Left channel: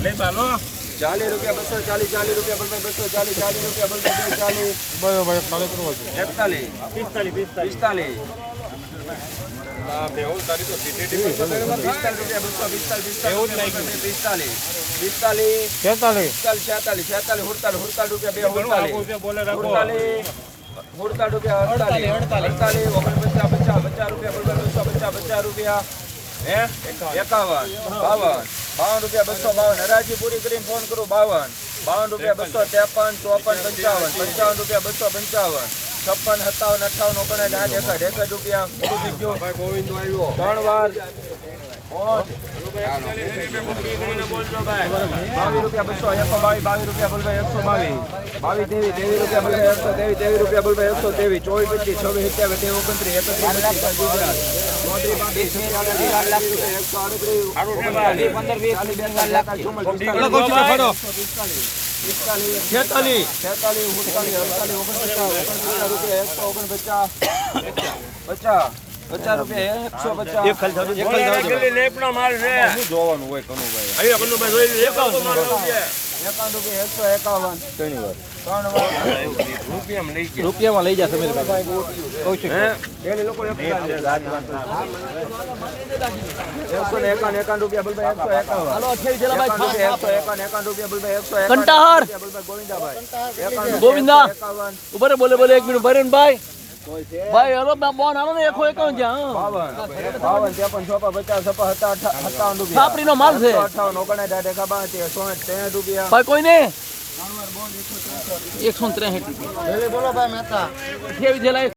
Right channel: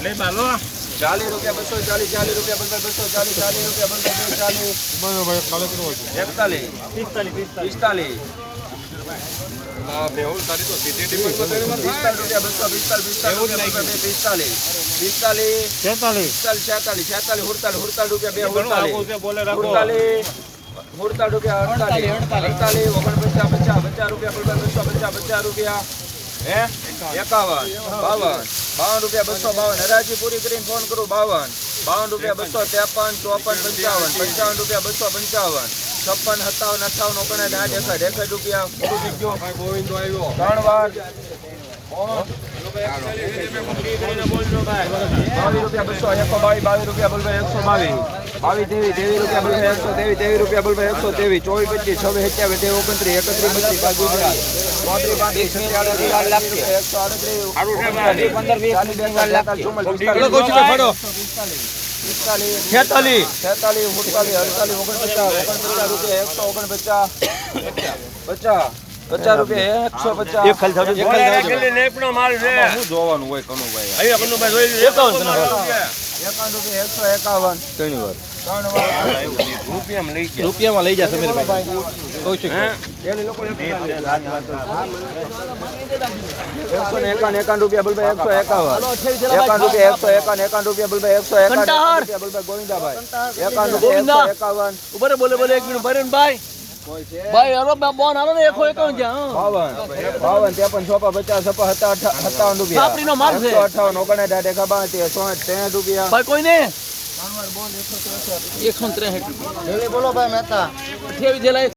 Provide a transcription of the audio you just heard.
લે બાલો ચાલીસ રૂપિયા બસો ચાલીસ ચાલીસ રૂપિયા બસો બસો ચાલીસ ચાલીસ રૂપિયા બસો બે ચાલીસ એકતાલીસ પિસ્તાલીસ પિસ્તાલીસ પિસ્તાલીસ પિસ્તાલીસ રૂપિયા બસો પિસ્તાલીસ પિસ્તાલીસ રૂપિયા બસો બે પિસ્તાલીસ પિસ્તાલીસ તેતાલીસ પિસ્તાલીસ છેતાલીસ છેતાલીસ હુડતાલીસ હુડતાલીસ રૂપિયા બે હુડતાલીસ બોલે રાખો હુડતાલીસ હુડતાલીસ રૂપિયા અડતાલીસ અડતાલીસ ઓગણપચાસ પચાસ પચાસ રૂપિયા બસો બસો પચાસ પચાસ રૂપિયા હે એકાવન બાવન બાવન રૂપિયા બસો બાવન. હરાજી પૂરી કરીને ફોન કરું, બાવન. બાવન રૂપિયા બસો ત્રેપન, ચોપન, પંચાવન. પંચાવન રૂપિયા બસો પંચાવન. છપ્પન, સત્તાવન અઠાવન ઓગણસાઠ એકસઠ. એકસઠ રૂપિયા ત્રણ વાર. બાવીસ રૂપિયા બસો એકસો બાવીસ બાવીસ રૂપિયા બોલભાઈ એકસો બાવીસ બાવીસ તેવીસ તેવીસ રૂપિયા બોલભાઈ એકસો તેવીસ તેવીસ રૂપિયા બોલભાઈ એકસો તેવીસ ચોવીસ પચીસ છવ્વીસ સત્યાવીસ તેવીસ ઓગણત્રીસ એકત્રીસ બત્રીસ ચાલીસ એકસો આડત્રીસ પંદર વીસ છેતાલીસ છેતાલીસ ઉડતાલીસ અડતાલીસ ઓગણપચાસ ઓગણપચાસ રૂપિયા એકસો ઓગણપચાસ પચાસ પચાસ રૂપિયા એકસો પચાસ. એક ખાલી થાવજો, એક ખાલી થાવજો. શું જોવાનું હોય કનુભાઈ એકાવન રૂપિયા એકસો એકાવન. ત્રણ વાર. રૂપિયામાં લઈ જા સમીરભાઈ. કૌશિક એકસો ને એકાવન એકાવન રૂપિયા બોલભાઈ એકસો એકાવન. એકાવન રૂપિયા એકસો એકાવન એકાવન રૂપિયા બોલભાઈ એકસો એકાવન ગોવિંદાભાઈ. એકાવન ગોવિંદા. ઉભરે બોલે બોલે એક મિનિટ. ભરેન ભાઈ ભાઈ અરે બોન આનો ને એકો છે જ્યાં 52 53 54 50 57 રૂપિયા. છાત્રીનો માલ છે. 58 59 દાડે કા 62 63 રૂપિયા. ભાઈ કોઈ ને એકસો ત્રેસઠ. રૂપિયા. બોલો ભાઈ મહેતા. જેવી જેલા